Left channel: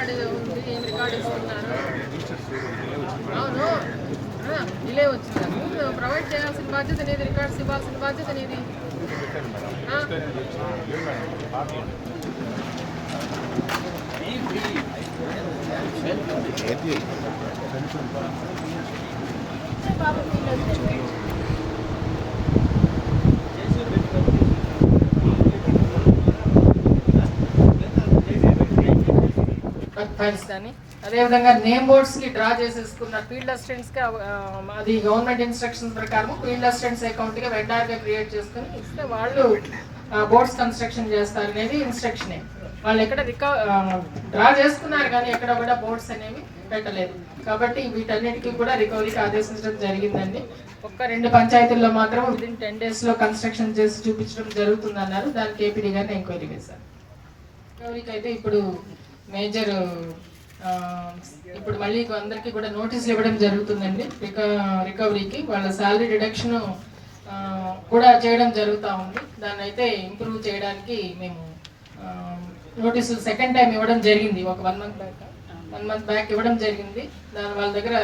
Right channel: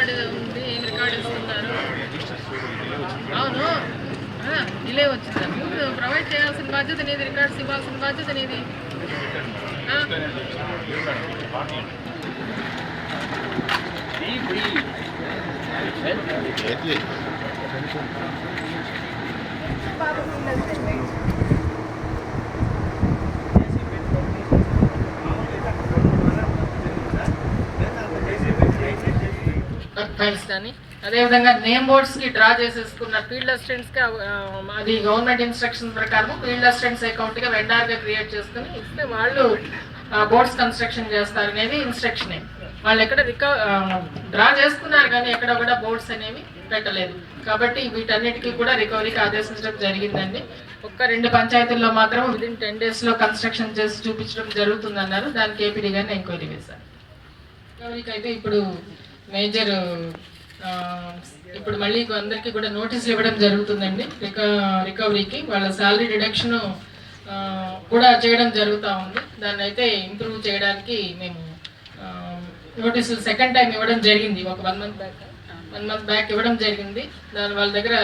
Record ఉంది ఏం record ఇస్తున్నారు? అవును. డిలే వచ్చింది నువ్వు ప్రొవైడ్ చేయాల్సిన బాధ్యత నీది రికార్డ్స్ ఇవ్వాల్సిన బాధ్యత నీది. ఆ? ఫైల్స్ కానీ. అదేవిధంగా నేమ్ బోర్డ్స్కి డ్రా చేసేసుకున్న ఫీల్డ్ అసిస్టెంట్స్కి అది గవర్నమెంట్ ఇన్స్ట్రక్షన్ ప్రకారం ఫీల్డ్ అసిస్టెంట్స్ అకౌంట్గా వెండార్గా క్రియేట్ చేసుకుని ఇస్తే వాళ్ళు బోర్డ్స్ కన్స్ట్రక్షన్ చేస్తారు అనేది ఇన్స్ట్రక్షన్ వాళ్ళు ఎక్కడ రికా డ్రా చేసుకున్నారు కానీ ఎక్కడ కూడా బోర్డ్స్ అనేవి పెట్టలేదు. కాబట్టి వీటన్నిటికీ కూడా రికవరీకి ఆదేశించడం జరిగిందండి. ఒక్క రెండు పంచాయతీల్లో మాత్రం విదిన్ టెన్ డేస్లో కన్స్ట్రక్షన్ చేసి చూపించడం జరుగుతుందన్నారు. దానికి ఏపీడీ గారిని ఎంక్వైరీ వేశారు రికవరీకి అయితే ఇప్పుడు మేజర్ ఇప్పుడు మళ్ళీ అందరికీ కూడా నోటీస్ ఇవ్వడం జరుగుతుందండి. రిక రికవరీకి వాళ్ళ శాలరీ డిడక్షన్ కూడా చేయడం జరుగుతూ ఉంది. దాన్ని అయితే ఇంప్రూవ్ చేయడానికి మేము నోటీసులు సెకండ్ టైం ఇవ్వడం జరిగింది. ఒక one month back one month back ఇవ్వడం జరిగింది. దాని వాళ్ళ దగ్గర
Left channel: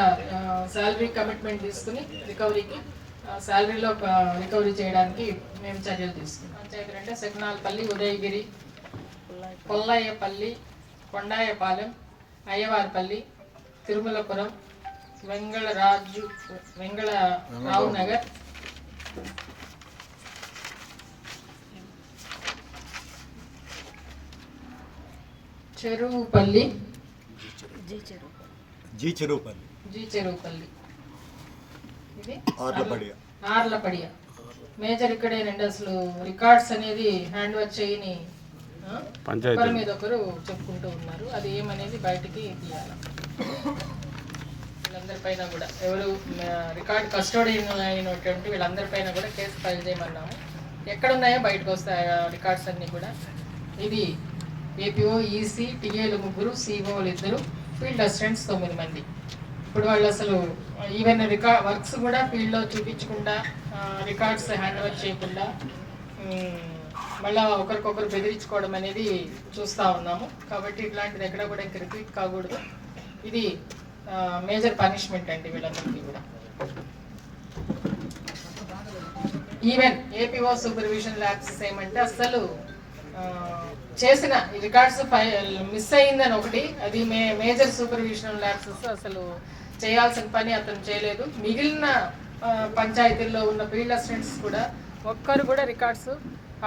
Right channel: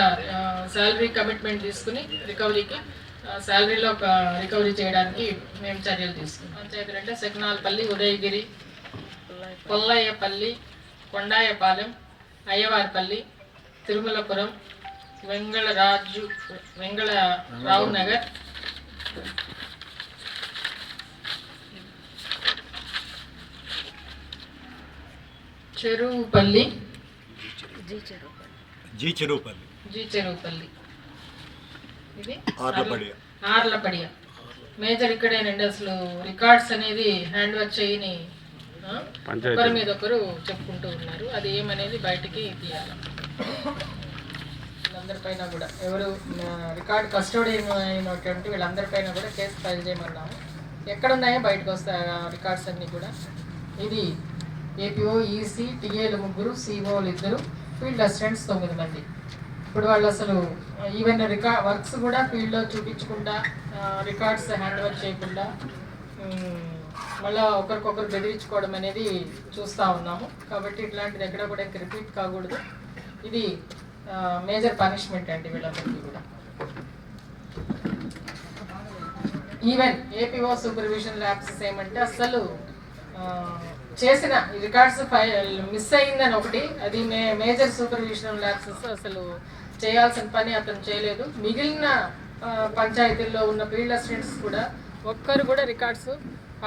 శాలరీ కమిట్మెంట్ తీసుకుని రికవరీకి శాలరీలో ఒక రికవరీ చేయడానికి మేము చర్యలు తీసుకున్నాం. పంచాయతీ అంటే సెగ్నాల్పల్లి ఉదయగిరి కొల్లయ్యపల్లి కొండాయపాలెం అయ్యవారిపల్లి తిరుమలపురం వెంగళరాజు వెంగళ రావు నగర్. చెరువుపల్లి. జీ చెరువుపల్లి. జీ చెరువుపల్లి. ఇది ఆర్లపడియ. మేజర్ ఇక్కడేనండి అసలు రికార్డ్స్ అనేది హ్యాండ్ వర్క్ చేయని ఒకరి మీద ఒకరు చెప్పుకుంటూ ఉన్నారు. అది ఏమనేది బయటికి తీయాలి. వీళ్ళందరిపైన కూడా ఎవరు రికార్డ్ కస్టోడియన్ అయినటువంటి వీళ్ళందరిపైన కూడా కేసు ఫైల్ చేయమన్నాము. ఎక్కడ ఉన్నాయో బయటకు వస్తాయి ఆ రికార్డ్స్ అన్నీ కూడా. ఇది ఏపీఓ ఈసీ టీఏలు ముగ్గురు సిఓలు ఇద్దరు ఫీల్డ్ అసిస్టెంట్స్ తొమ్మిది మంది. ఇప్పుడు వాళ్ళు అసలు ఈవెన్ రికార్డ్ వర్క్స్ కూడా ఫీల్డ్లో చూపించకుండా రికార్డ్స్ హ్యాండ్ ఓవర్ చేయకుండా మళ్ళా ఒకరికొకరు బెదిరించుకోవడం అనేది చూస్తూ ఉన్నాము. కాబట్టి ఇట్లాంటిది ఎక్కడ కూడా ఇంక రిపీట్ కాకూడదు. ఇది మేజర్ పనిష్మెంట్ అండి వీళ్ళందరికీ కూడా. ఈవెన్ ఏపీఓ సూపర్విజన్ యాక్సెస్ ఏమంటే అసలు చేసిన రికార్డ్స్ మిస్ అయిందని ఒకటి అది మే మేజర్ సూపర్విజన్ యాక్సెస్ అసలు చేయాల్సిన పని అతను చేయలేదు. మిగిలిన పంచాయతీల్లో ఉన్న ఫీల్డ్ అసిస్టెంట్స్ కూడా ఒక్కరు కూడా రికార్డ్స్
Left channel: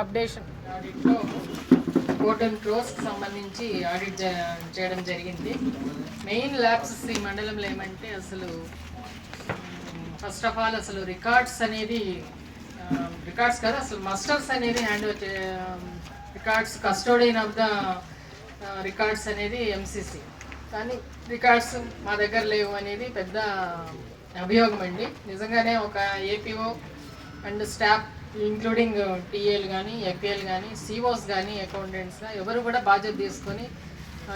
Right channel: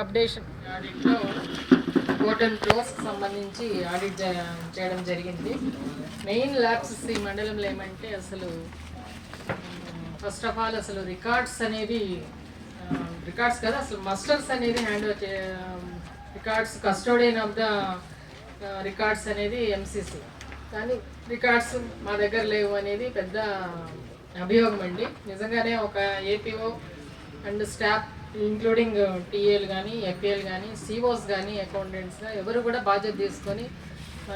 అప్డేషన్. ఆడిట్లో గోల్డెన్ సంబంధించి ఆడిట్ చేయడం జరిగింది. మెయిన్ ల్యాబ్స్ ఈ మండలంలో ఏమంటే అసలు ఫస్ట్ ఆఫ్ ఆల్ అసలు రికార్డ్స్ అనేది రికార్డ్స్ కదా అసలు మస్టర్స్ అనేది hand records custodian of the records అనేది ఎంసీసీ కానీ రికార్డ్స్ మా దగ్గర లేవు అనేది పెద్ద అభియోగం అండి. నిజంగానే ఒక ఏపీఓ అండ్ స్టాఫ్ ఇంక్లూడింగ్ టీఏలు కానీ ఎఫ్ఏలు కానీ సిఓస్ కానీ అకౌంటెంట్స్ ఎవరు కూడా బాధ్యత తీసుకొని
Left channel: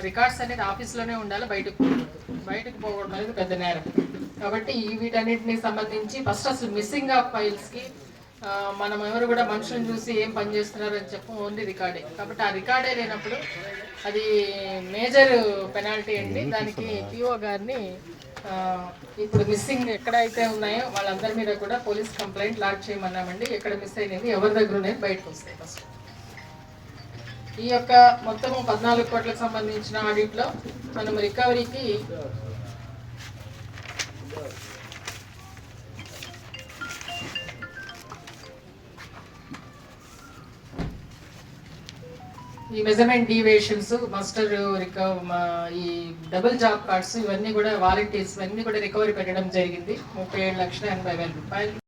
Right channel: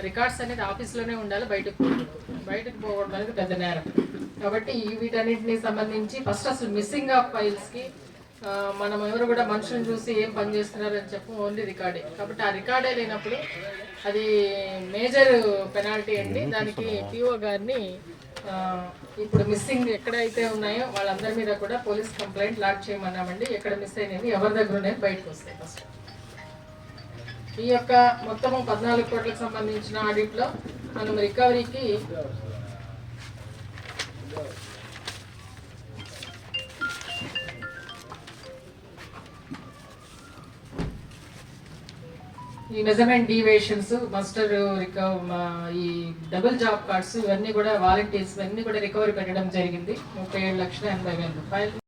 రికార్డ్స్ అనేది ఆఫీస్లోనే ఉండాలి బయటకు పోకూడదు. బయటకు పోవడం అనేది పెద్ద నేరం. కాబట్టి ఈ వీటన్నిటిని సంబంధించి ఫస్ట్ అసలు మిస్సింగ్ ఆఫ్ ఫైల్స్కి మనం ఎవరు కూడా మనుషులను చూసి ఏం పని చేస్తున్నారు అని చెప్పు ఓన్లీ రికార్డే కాబట్టి ఆ రికార్డే లేనప్పుడు అది మేజర్ పెనాల్టీ అండి. దానికి పిఓ గారిని ఇప్పుడు మిస్సింగ్ ఎక్కడైతే ఉన్నాయో వాళ్ళందరి మీద కూడా పోలీస్ కంప్లైంట్ లాక్ చేయమన్నామండి. ఎక్కడ మిస్ అయినవి ఎవరి దగ్గర ఉన్నాయి బయటకు వస్తాయి ఫస్ట్ ఈ యొక్క మొత్తము పద్నాలుగు కోట్లకు సంబంధించిన ఆడిట్లో మనం రికవరీకి ఈ మెజర్మెంట్ డీవియేషన్స్ మస్టర్ ఈ డబుల్ జాబ్ కార్డ్స్ ఇవన్నీ కూడా వాలంటీర్స్ ఇవన్నీ కూడా రికవరీ పెట్టడం జరిగింది. ముప్పై ఏడు లక్షల ఎనభై వేల రూపాయలు.